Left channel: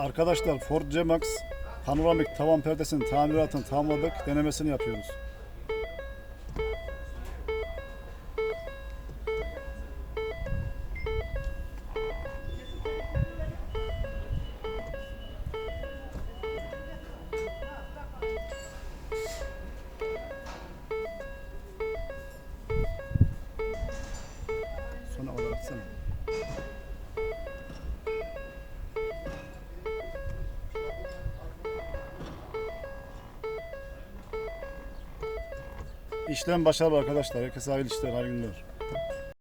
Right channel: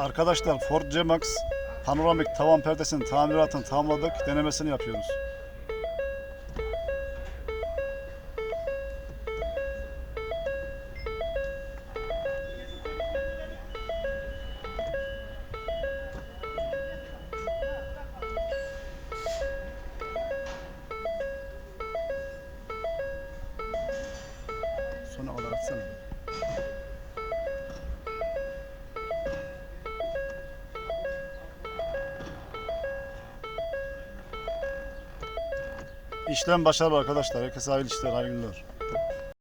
Arkadaşlar Ford C-Max panoramik tavan perdesinin tamiratını tamamladık. Denemesini yapıyoruz. Sona kadar atsana. İşlem başarılı arkadaşlar. Herkese hayırlı işler, hayırlı günler.